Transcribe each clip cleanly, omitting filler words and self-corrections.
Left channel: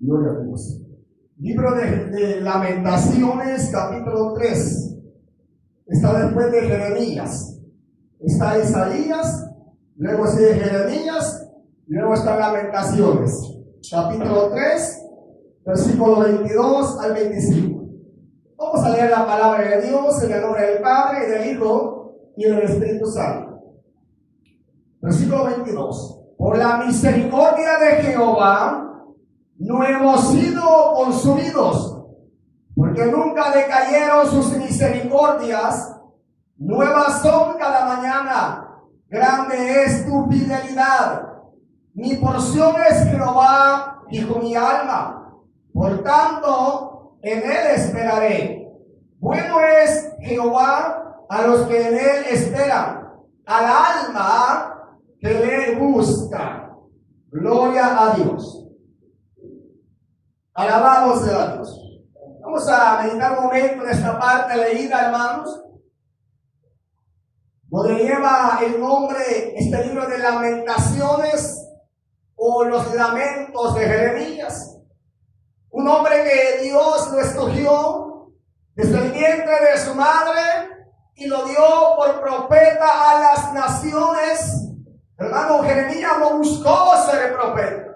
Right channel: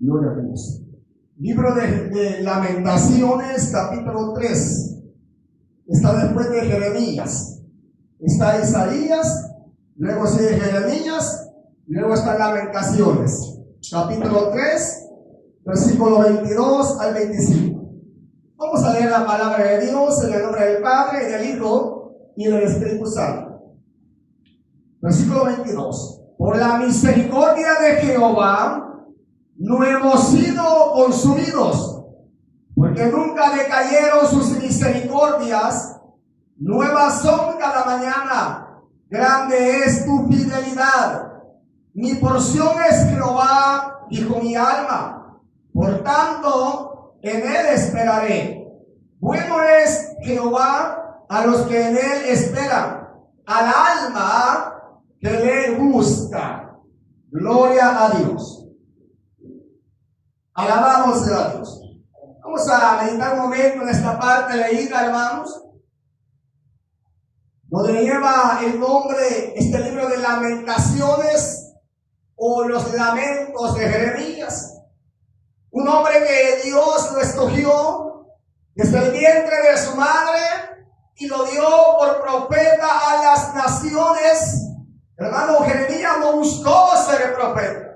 Gloria a Dios. Libro de Lamentaciones, capítulo 3. Está después de Jeremías. Está Isaías, luego sigue Jeremías, luego está Lamentaciones. Capítulo 3, versículo 22 al 25. Vamos a leer la palabra de Dios en el nombre del Padre, y del Hijo, y del Espíritu Santo. Versículo 22. Por la misericordia de Jehová no hemos sido consumidos, porque nunca decayeron sus misericordias. Nuevas son cada mañana, grande es tu fidelidad. Mi porción es Jehová, dijo mi alma, por tanto en él esperaré. Bueno es Jehová a los que en él esperan, al alma que le busca. Gloria a Dios. Alabamos a Dios. Vamos a meditar un momento en esta parte leída, hermanos, donde lleva el nombre este libro de Lamentaciones o los lamentos de Jeremías. Un hombre que Dios lo escogió desde el vientre de su madre y lo dio por profeta a las naciones. Hermano, Jeremías no buscó ser profeta.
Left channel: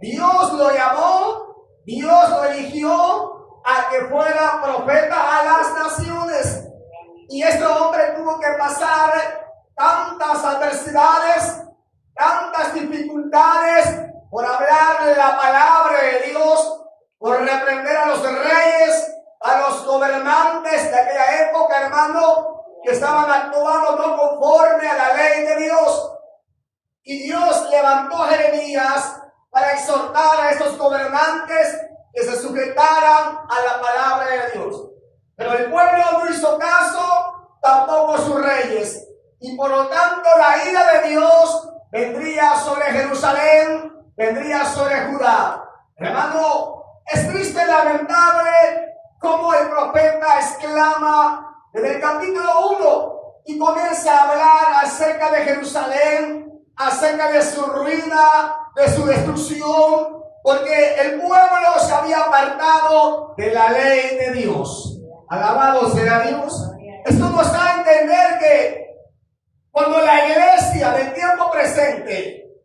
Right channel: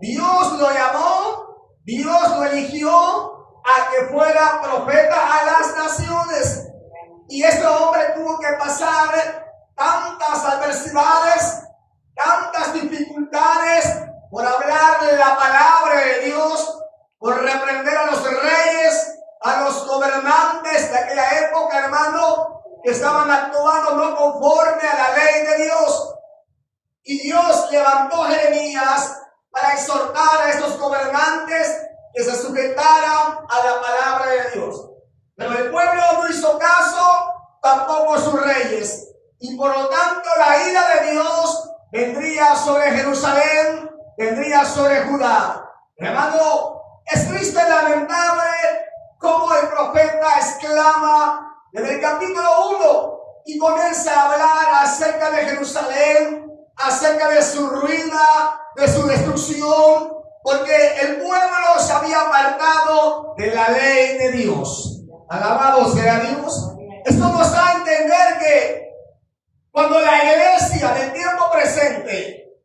Dios lo llamó, Dios lo eligió a que fuera profeta a las naciones. Y este hombre tuvo que pasar tantas adversidades, tantas dificultades por hablar de la palabra de Dios, por reprender a los reyes, a los gobernantes de aquella época, hermano, que estaban actuando no conforme a la ley de Dios. Y Dios levantó a Jeremías para exhortar a estos gobernantes que se sujetaran a la palabra de Dios. Pero el pueblo no hizo caso, tampoco sus reyes. Y por lo tanto la ira de Dios vendría sobre Jerusalén, vendría sobre Judá. Hermano, es triste y lamentable cómo el profeta exclama desde el capítulo 1 y comienza a hablar acerca de Jerusalén, acerca de su ruina, de su destrucción, porque el pueblo se había apartado de la ley de Dios. Alabado sea Dios. Esto nos da a entender que cuando la iglesia del tiempo presente,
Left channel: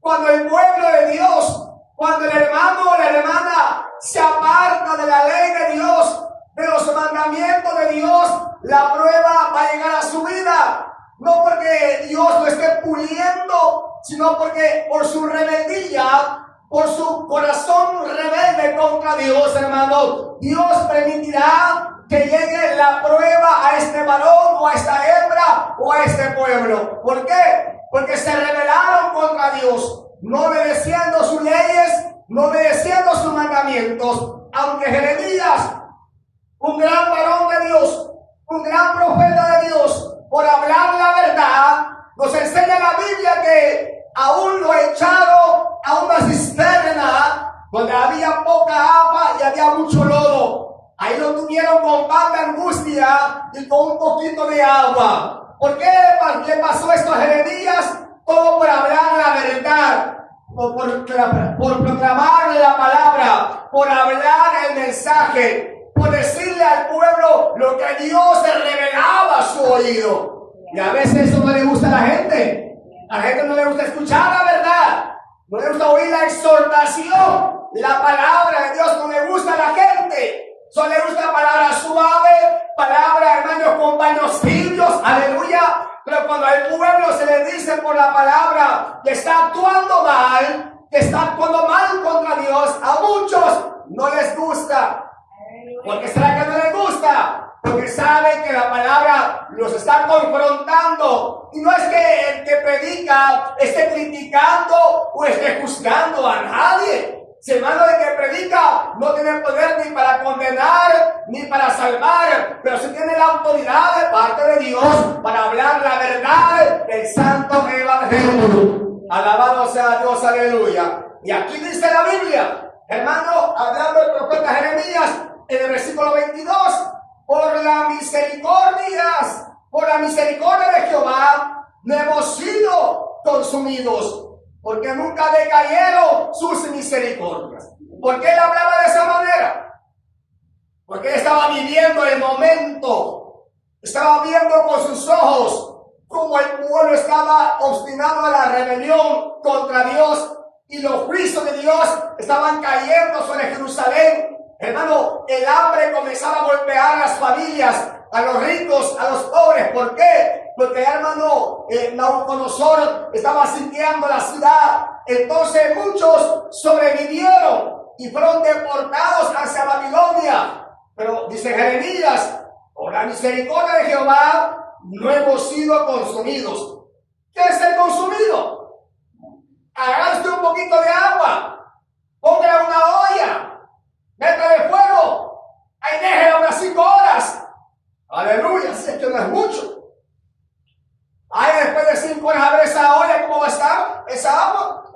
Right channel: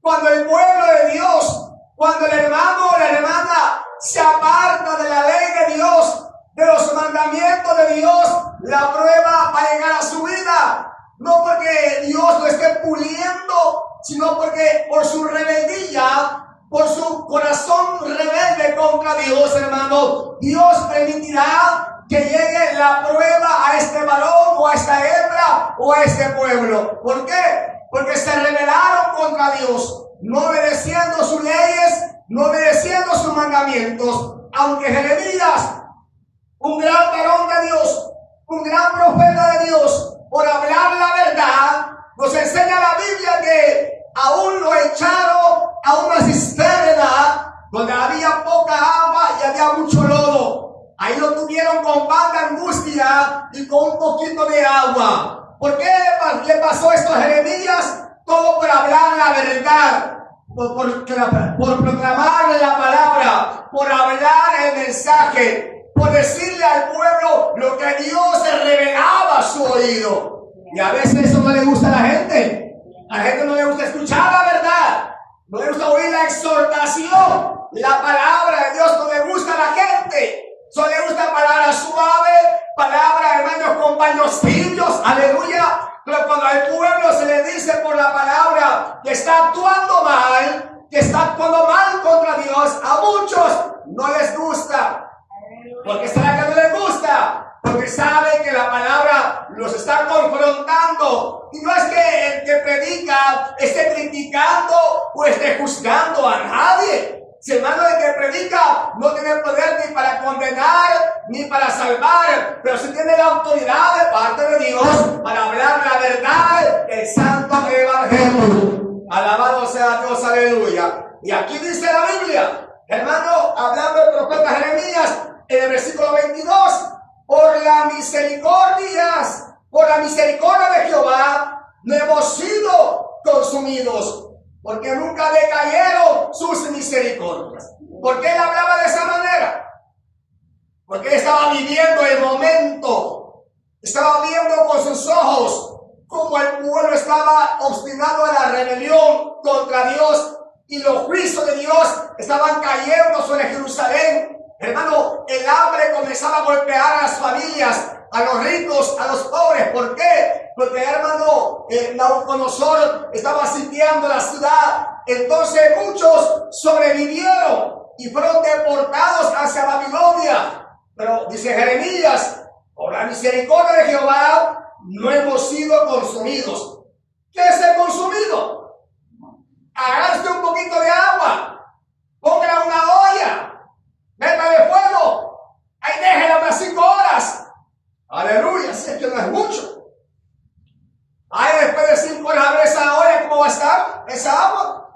cuando el pueblo de Dios, cuando el hermano o la hermana se aparta de la ley de Dios, de los mandamientos de Dios, la prueba va a llegar a su vida. No porque Dios lo esté puliendo, sino porque por su rebeldía, por su corazón rebelde contra Dios, hermano, Dios permitirá que llegue la prueba a este varón o a esta hembra o a este pueblo. ¿Por qué? Porque se rebelaron contra Dios, no obedeciendo sus leyes, no obedeciendo sus mandamientos. Aunque Jeremías, un gran varón de Dios, un gran profeta de Dios, por hablar la verdad, nos enseña la Biblia que aún lo echaron a una cisterna donde había poca agua y había mucho lodo. Ahí lo tuvieron con tanta angustia y con un poquito de agua. ¿Por qué le pasó esto a Jeremías? Todo por hablar la verdad, por proclamar la palabra, por hablar el mensaje, por decirle al pueblo lo que Dios se revelaba a su oído. Y a veces eso no le gusta a la gente. A la gente no le gusta escuchar la verdad, no le gusta oír la exhortación. La palabra de Dios no le gusta a la gente. Solo le gusta palabras suaves, palabras, hermanos, con paños tibios, aleluya. Pero cuando al pueblo se le dice por la palabra que está actuando mal, que está actuando mal contra Dios, a muchos no les gusta. ¿Por qué será que no les gusta? Porque saben que la palabra los está confrontando. Y no es que el que predica esté criticando o esté juzgando a nadie. Si el hermano de que predica no tiene poder ni para condenar ni para salvar, pero sí tiene la autoridad de parte de Dios para hablar la verdad del santo evangelio. Alabado sea Dios, aleluya. Y aquí dice la Biblia, hermano, hablando del profeta Jeremías, en el versículo 22, por la misericordia de Jehová no hemos sido consumidos, porque nunca decayeron sus misericordias. ¿Por qué él hablaba de esa manera? Porque él estaba viviendo el momento, estaba viendo con sus ojos cómo el pueblo estaba obstinado en la rebelión contra Dios y los juicios de Dios estaban cayendo sobre Jerusalén. Hermano, el hambre comenzaba a golpear a las familias, a los ricos, a los pobres. ¿Por qué? Porque, hermano, Nabucodonosor estaba sitiando la ciudad. Entonces muchos sobrevivieron y fueron deportados hacia Babilonia. Pero dice Jeremías, por la misericordia de Jehová no hemos sido consumidos. ¿Qué es el consumido? Agarre un poquito de agua, ponga una olla, métale fuego, ahí déjela unas 5 horas. Aleluya, si es que no es mucho. Ahí después de 5 horas a ver esa olla, ¿cómo va a estar? Esa agua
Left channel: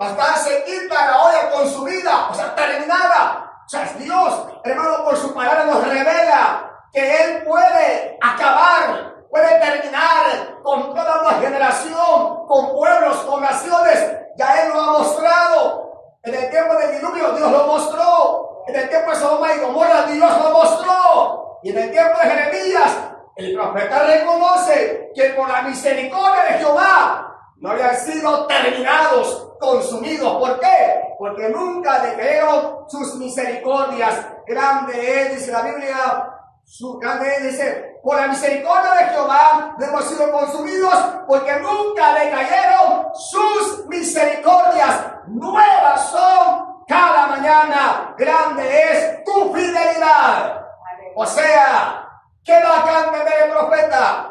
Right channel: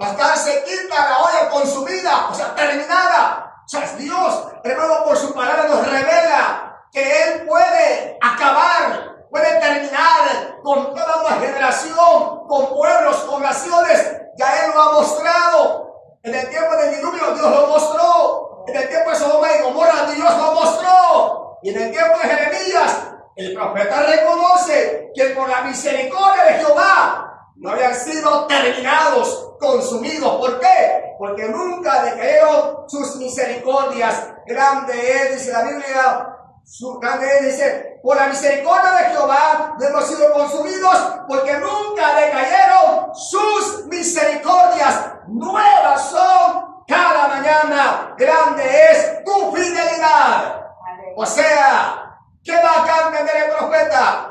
va a estar sequita, la olla consumida, o sea, terminada. O sea, es Dios, hermano, por su palabra nos revela que Él puede acabar, puede terminar con toda una generación, con pueblos, con naciones. Ya Él lo ha mostrado. En el tiempo del diluvio Dios lo mostró. En el tiempo de Sodoma y Gomorra Dios lo mostró. Y en el tiempo de Jeremías el profeta reconoce que por la misericordia de Jehová no habían sido terminados, consumidos. ¿Por qué? Porque nunca decayeron sus misericordias. Grande es, dice la Biblia, grande es, dice, por la misericordia de Jehová no hemos sido consumidos, porque nunca decayeron sus misericordias. Nuevas son cada mañana. Grande es tu fidelidad. O sea, qué bacán tener el profeta.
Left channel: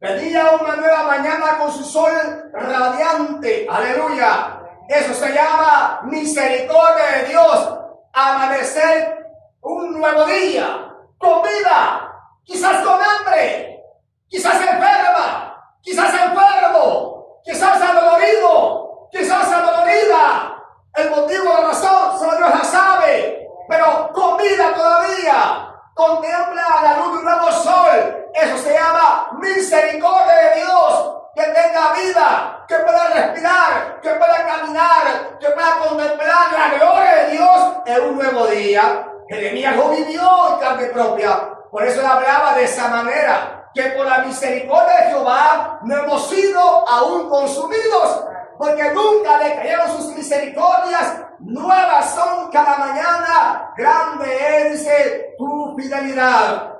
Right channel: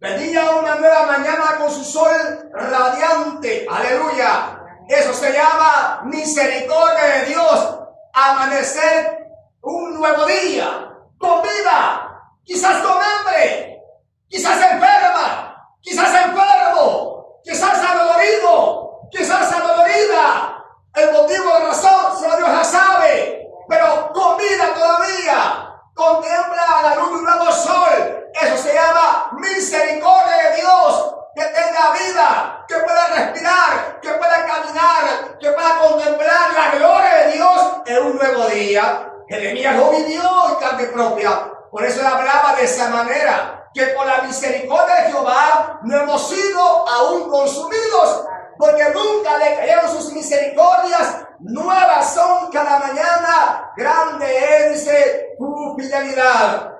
Venía una nueva mañana con su sol radiante. Aleluya. Eso se llama misericordia de Dios. Amanecer un nuevo día. Con vida. Quizás con hambre. Quizás enferma. Quizás enfermo. Quizás adolorido. Quizás adolorida. El motivo, la razón, solo Dios la sabe. Pero con vida todavía. Contempla la luz de un nuevo sol. Eso se llama misericordia de Dios. Que tenga vida, que pueda respirar, que pueda caminar, que pueda contemplar la gloria de Dios en un nuevo día. Jeremías lo vivió en carne propia. Por eso él hablaba de esa manera, que por la misericordia de Jehová no hemos sido aún consumidos, porque nunca decayeron sus misericordias. Nuevas son cada mañana. Grande es, dice, tu fidelidad.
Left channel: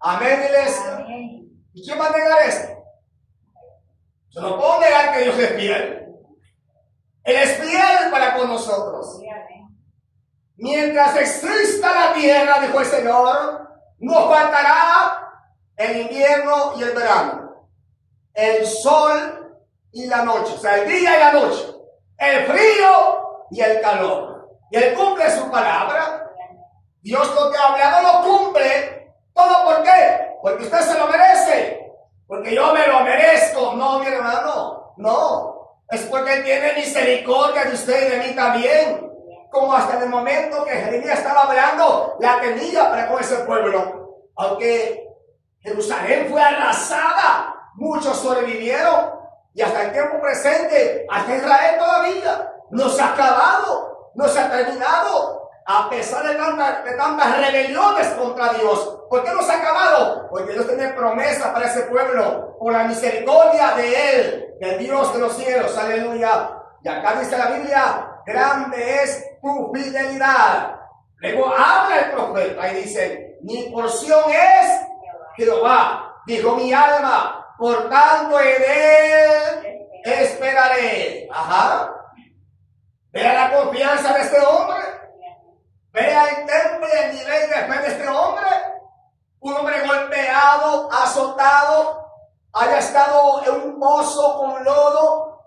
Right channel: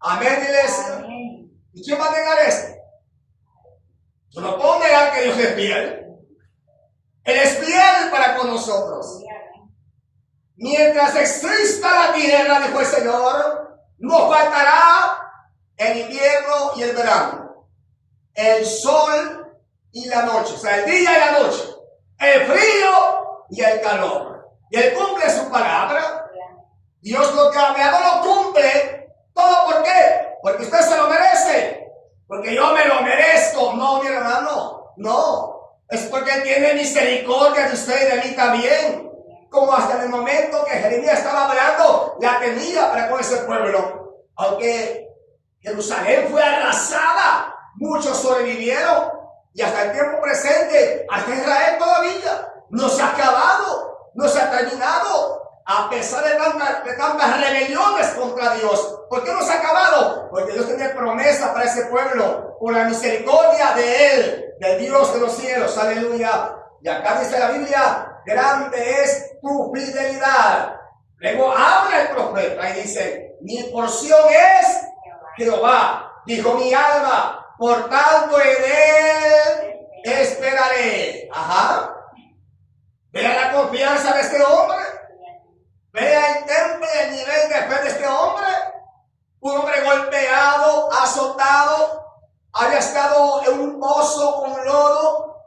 Amén, iglesia. Amén. ¿Y quién va a negar esto? Yo no puedo negar que Dios es fiel. Él es fiel para con nosotros. Mientras exista la tierra, dijo el Señor, no faltará el invierno y el verano, el sol y la noche, o sea, el día y la noche, el frío y el calor. Y Él cumple su palabra. Dios lo que ha hablado lo cumple. ¿Todo por qué? Porque usted se lo merece. Porque yo me lo merezco. No, mi hermano, no. Es porque Él tiene misericordia de usted y de mí también. Como hasta el momento que Jeremías estaba hablando, la tenía para con ese pueblo. Aunque Jerusalén fue arrasada, muchos sobrevivieron. Y hasta el tiempo presente, hasta Israel todavía no se ha acabado, no se ha terminado. A pesar de tantas rebeliones contra Dios. ¿Por qué no se ha acabado? Porque Dios tiene promesa para ese pueblo. Por la misericordia de Él, del Dios de los cielos. Aleluya. Y acá dice la Biblia, grande es tu fidelidad. Luego habla el profeta y dice, mi porción es Jehová. Dijo mi alma, por tanto en Él esperaré. Ajá. Vea la confianza de este hombre. Vea el temple y el nivel de fe de este hombre. Un hombre golpeado, azotado, había estado en un pozo con lodo,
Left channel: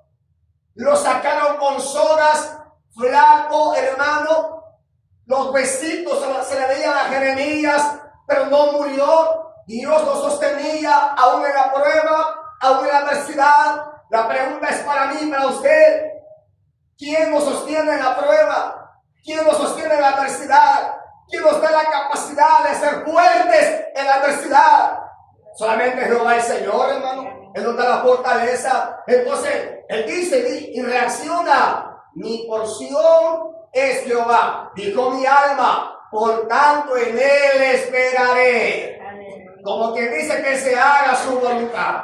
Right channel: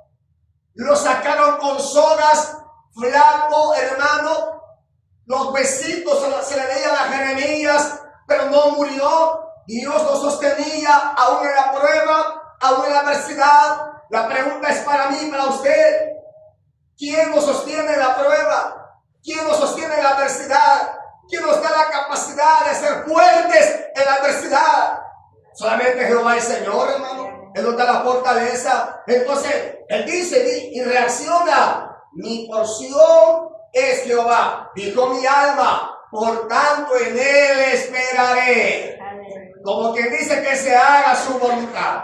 lo sacaron con sogas, flaco, hermano, los besitos se le veían a Jeremías, pero no murió. Dios lo sostenía aún en la prueba, aún en la adversidad. La pregunta es para mí, para usted: ¿quién nos sostiene en la prueba? ¿Quién nos sostiene en la adversidad? ¿Quién nos da la capacidad de ser fuertes en la adversidad? Solamente Jehová el Señor, hermano. Él nos da la fortaleza. Entonces, Él dice y reacciona: mi porción es Jehová. Dijo mi alma, por tanto en él esperaré. Como que dice que se haga su voluntad.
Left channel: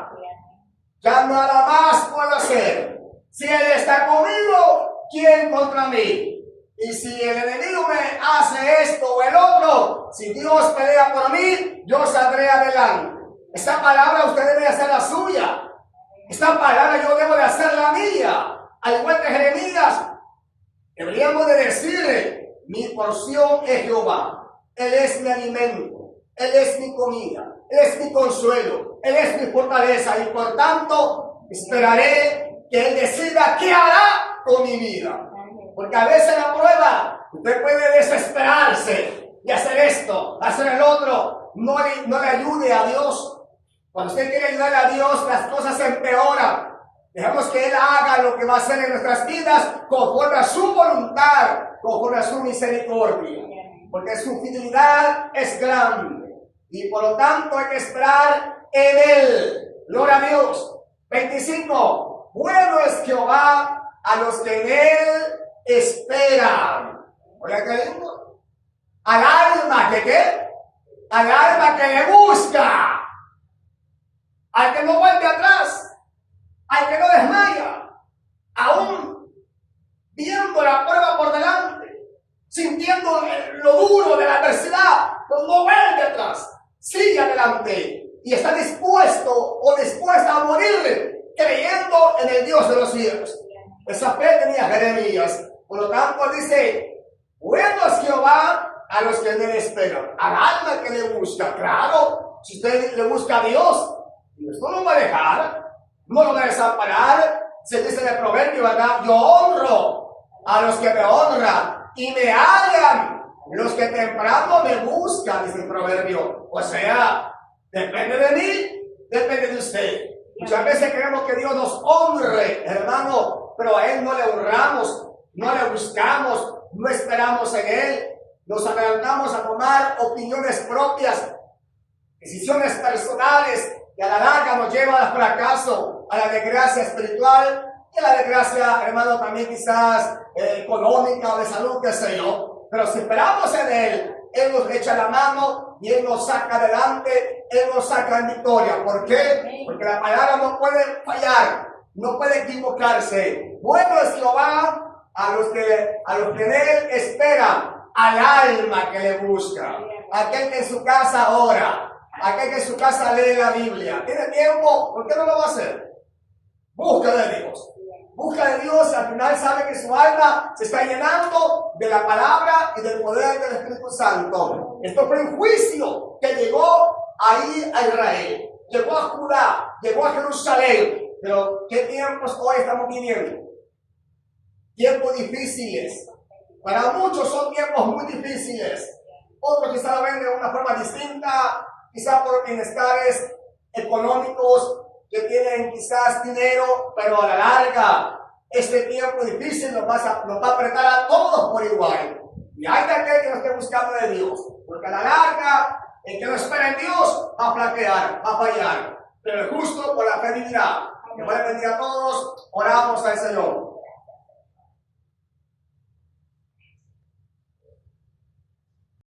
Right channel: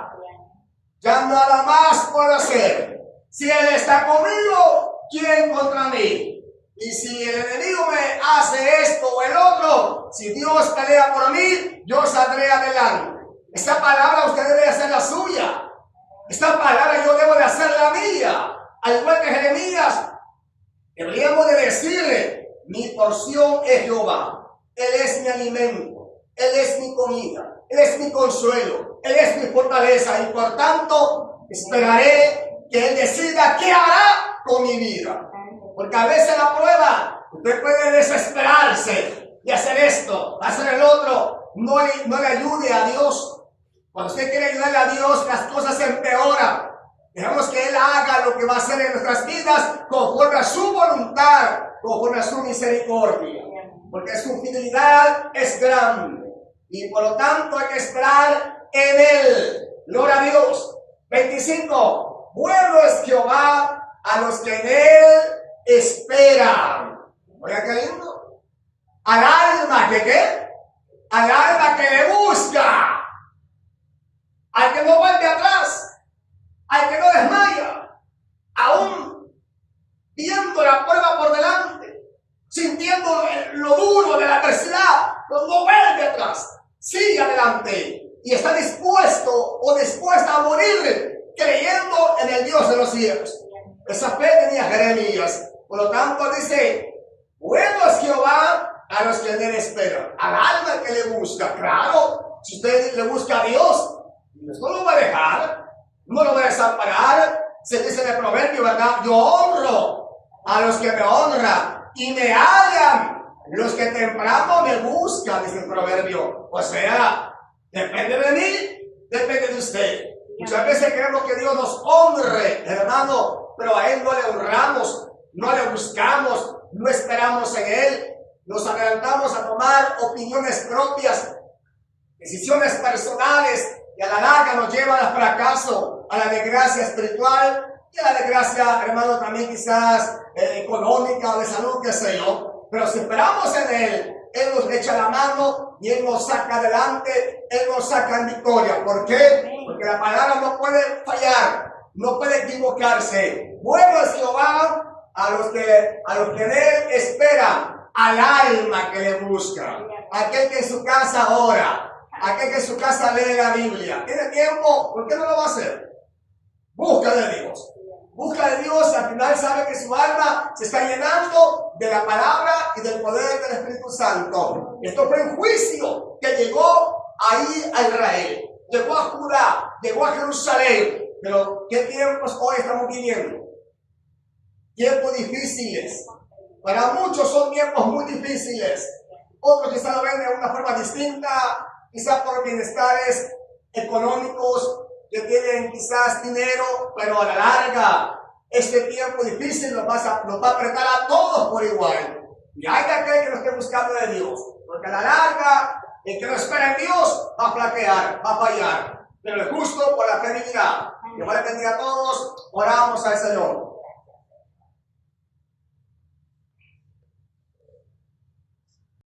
Ya nada más puedo hacer. Si él está conmigo, ¿quién contra mí? Y si el enemigo me hace esto o el otro, si Dios pelea por mí, yo saldré adelante. Esta palabra usted debe hacer la suya. Esta palabra yo debo de hacer la mía. Al igual que Jeremías, deberíamos de decirle, mi porción es Jehová. Él es mi alimento. Él es mi comida. Él es mi consuelo. Él es mi fortaleza. Y por tanto, esperaré que Él decida qué hará con mi vida. Porque a veces la prueba, usted puede desesperarse y hacer esto, hacer el otro. No le ayude a Dios. Cuando usted quiere ayudar a Dios, las cosas se empeoran. Dejemos que Él haga lo que va a hacer en nuestras vidas conforme a su voluntad, conforme a su misericordia. Porque su fidelidad es grande. Y por lo tanto hay que esperar en Él. Gloria a Dios. 25. Bueno es Jehová a los que en Él esperan. Oiga, qué lindo. Al alma que ¿qué? Al alma que le busca. Al que no vuelve atrás. Al que no desmaya. Aún viendo la prueba por delante. Sintiendo lo duro de la adversidad. Pues no vuelve atrás. Sigue adelante. Y está dispuesto o dispuesta a morir creyendo en el Dios de los cielos. Esa fe tenía Jeremías. Por lo tanto dice, bueno es Jehová a los que en él esperan. Al alma que le busca. Claro, si usted le busca a Dios, Dios no lo va a dejar, no lo va a desamparar. Se dice en el proverbio, ¿verdad? Yo honro a los que me honran y me hallan los que temprano me buscan, dice el proverbio. O sea, depende de mí, depende de usted. Muchas veces queremos que Dios nos honre, hermano, pero a Él no le honramos, no le buscamos, no esperamos en Él. Nos adelantamos a tomar opiniones propias, decisiones personales, que a la larga nos llevan al fracaso, a la desgracia espiritual y a la desgracia, hermano, también quizás económica o de salud, qué sé yo. Pero si esperamos en Él, Él nos echa la mano y Él nos saca adelante, Él nos saca en victoria. ¿Por qué? Porque la palabra no puede fallar, no puede equivocarse. Bueno es Jehová a los que en Él esperan, al alma que le busca, aquel que en su casa ora, aquel que en su casa lee la Biblia. ¿Tiene tiempo? ¿Por qué no lo va a hacer? Busca de Dios. Busca de Dios, al final sabe que su alma se está llenando de la palabra y del poder del Espíritu Santo. Esto fue un juicio que llegó ahí a Israel, llegó a Judá, llegó a Jerusalén. Pero ¿qué tiempos hoy estamos viviendo? Tiempos difíciles. Para muchos son tiempos muy difíciles. Otros quizás lo ven de una forma distinta, quizás por bienestares económicos, que tienen quizás dinero, pero a la larga, este tiempo difícil nos va a apretar a todos por igual. Y hay de aquel que no esté buscando de Dios, porque a la larga, el que no espera en Dios va a flaquear, va a fallar. Pero el justo por la fe vivirá. Que vale bendiga a todos, oramos al Señor.